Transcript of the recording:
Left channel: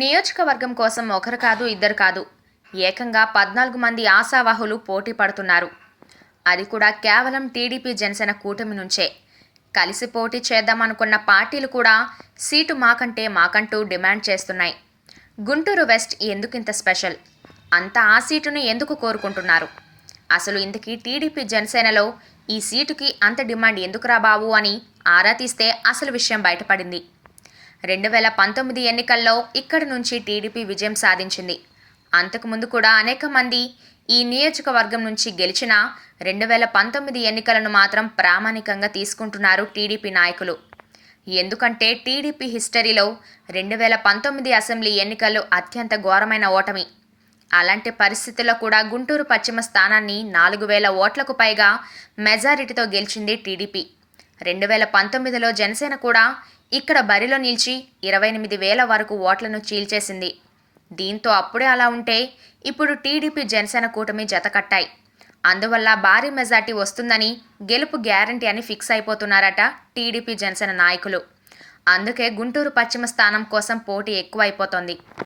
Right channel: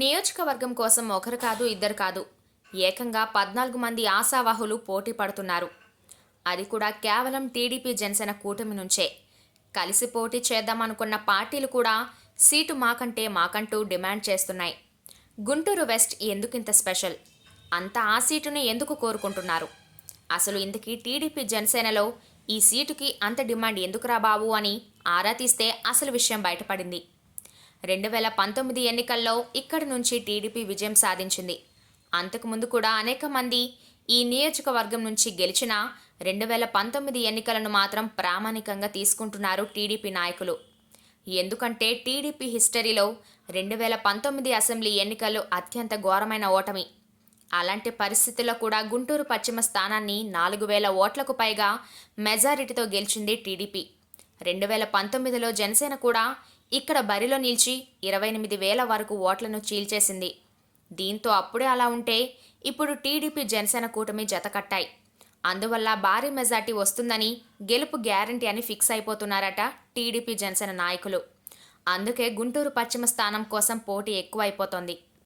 నియోజకవర్గం కోసం ఒకరు కాదు ఇద్దరు కాదు. ఏకంగా పద్నాలుగు మంది ఆశావాహులు పోటీ పడుతున్నారు. అది కూడా కేవలం టీడీపీ జనసేన కూటమి నుంచే. కలిసి పోటీ చేద్దామనుకున్న పార్టీలు కూడా సీటు మాకంటే మాకంటూ డిమాండ్ చేస్తున్నాయి. గుంటూరు వెస్ట్ ఎందుకింత స్పెషల్? అంత ఆ సీటును ఎందుకు కోరుకుంటున్నారు? అసలు ఇంతకీ టీడీపీ జనసేనలో ఈ సీటుకి అంత డిమాండ్ ఎందుకురా బాబు అని ఆరా తీస్తే అసలు విషయం బయటపడింది. రెండు వేల పంతొమ్మిది ఎన్నికల్లో ఇక్కడి నుంచి టీడీపీ విజయం సాధించింది. అంతకుముందు కూడా అనేక మంది ఈ నియోజకవర్గం నుంచి గెలిచిన రెండు వేల పంతొమ్మిది ఎన్నికలను మాత్రం ప్రామాణికంగా తీసుకుంటున్నారు టీడీపీ నాయకులు. ఎందుకంటే టీడీపీ హిస్టరీలో రెండు వేల పంతొమ్మిది అసెంబ్లీ ఎన్నికలు అత్యంత ఘోరమైన ఓటమి. అలాంటి పరిస్థితుల్లో కూడా గుంటూరు పశ్చిమ స్థానాన్ని నాలుగు వేల ఓట్లకు పైగా మెజారిటీతో గెలిచింది టీడీపీ. రెండు వేల పంతొమ్మిదిలో జనసేన కూడా ఇక్కడ బరిలో నిలిచి ఇరవై ఎనిమిది వేల వరకు ఓట్లను చీల్చేసింది. దీంతో అప్పుడే అలా ఉంటే ఇప్పుడు టీడీపీ జనసేన కూటమి జతకట్టాయి అందువల్ల భారీ మెజార్టీ వస్తుందని గెలుపు గ్యారంటీ అని ఫిక్స్ అయిపోతున్నారట టీడీపీ జనసేన నాయకులు. అందుకే గుంటూరు పశ్చిమ స్థానం కోసం పోటీ ఎక్కువైపోతోంది.